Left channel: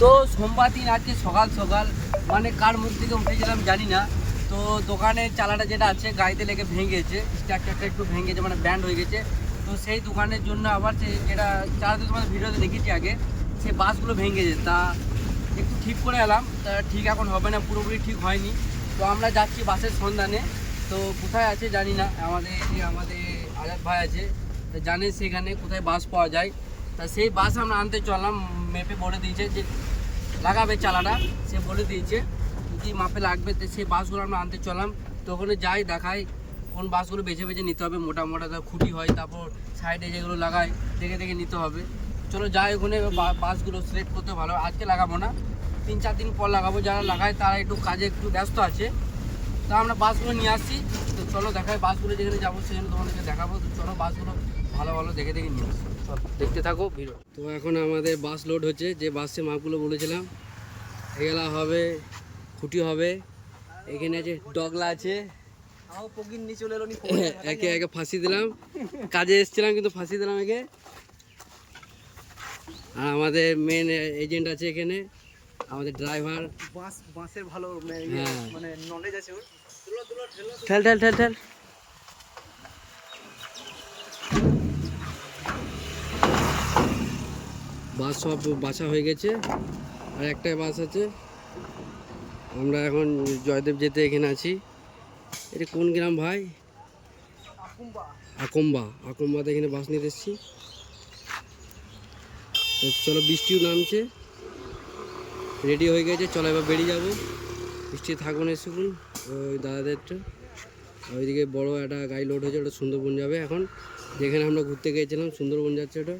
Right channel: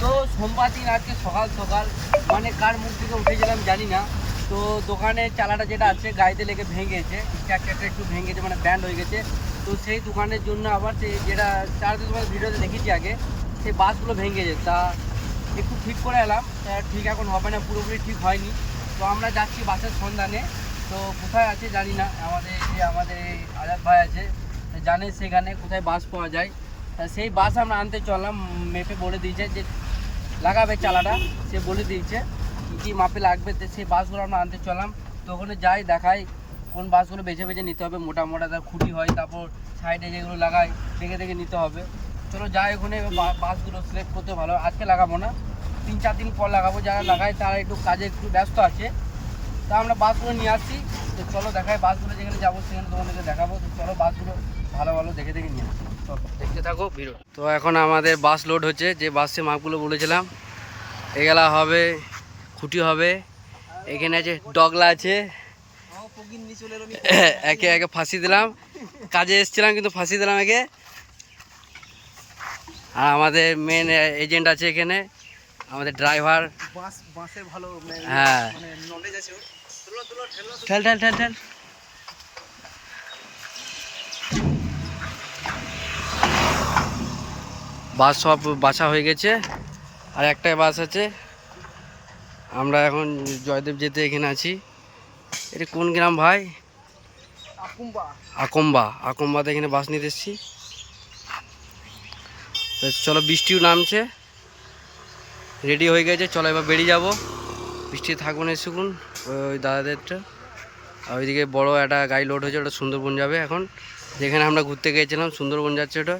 তো সোমবার দিন আজকে সকাল সকাল মানে কার মুখ থেকে উঠেছিলাম জানি না। তো দোকানের চালাটা যেটা আছে গাড়িতে লেগে ভেঙেছে, স্ট্রাকচারটা একটু ভেঙেছে, মানে ব্যান্ড হয়ে গেছে। তো সেই দোকানের জন্য আবার সেই যেটা চালাতে তোমার ভিডিওতে দেখেছি আগে, সেই বাসগুলো ভেঙেছে, তা একটু ঠিক করে এলাম। তা ঠিক এখন হবে না, পুরোপুরি ঠিক হয়নি। তো আমরা যাচ্ছি বাসের সন্ধানে। তো কোথায় আছে জানি না, আমাদের আজাদ ভাই আছে, জানে সেখানে কোথায় বাস পাওয়া যায়। তা সেই বাস আমরা আনতে চললাম। মেপে বলে দিয়েছে যে লাগাবে চালাটা, সে বলে দিয়েছে কী কী মাপে লাগবে। তো সেই বাসগুলো আমরা আনতে চললাম। তো ওখানে যাই, দেখাই কোন বাসগুলো বেছে বেছে নিতে হবে, মোটা মোটা খুঁটি হয়, তারপর সাইডে যেগুলো লাগায় দেখে দেখে নিতে হবে। চলো যাই ওখানে, বাসগুলো সিলেক্ট করতে ভালো। আজকে লাগাবো না, 3-4 দিন পর লাগাবো। যারা লাগায় তারা একটু কাজে একটু ব্যস্ত আছে। তা আমরা বাসগুলো নিয়ে আসছি। তো চলো দেখাই, বাসগুলো যেখানে যাবো সেখানে তোমাদেরকে দেখাবো। তো চলো বাসগুলো ভালো ভালো দেখে দেখে নিয়ে আসি, চলো দেখতে থাকো ভিডিও। তো এখন আমাদের বাস লোড হচ্ছে, যে বাসে মাপগুলো বলেছিলাম। এগুলা হবে, খুঁটি হবে, এখানে আছে ডগলা আছে। একে একে ফাঁসি দিলাম, কাজে এসেছিলাম কিন্তু ফাঁসি দিলাম একে। আর আমাদের মেন এজেন্ট আছে এখানে, আমাদের ড্রাইভার। বাসের ভালো, হ্যাঁ, মানে নলেজ আছে। ঠেল ঠেল ঠেল ঠেল। বাস সব বাছা হয়ে গেছে, আর একটাই বাস আছে। আমরা এখন জয়দেব যেতে এখানে আছি। এটা কোন গ্রাম ভাই? আকম্বাতে এখানে বাস নিতে এসেছি। তো চলো, বৃষ্টিও নামছে, রেডি হয়ে গেছে, চলো এবার বেরিয়ে যাব। বৃষ্টি থাকবো না শুকুন ওই দাদাদেরটা। আর ওইদিকে বড় একটা গাড়ি লোড হয়েছে, ওটা সুন্দরবন যাবে। এখন যেখানে আমরা ঘুরতে গিয়েছিলাম সুন্দরবন যাচ্ছে ওটা।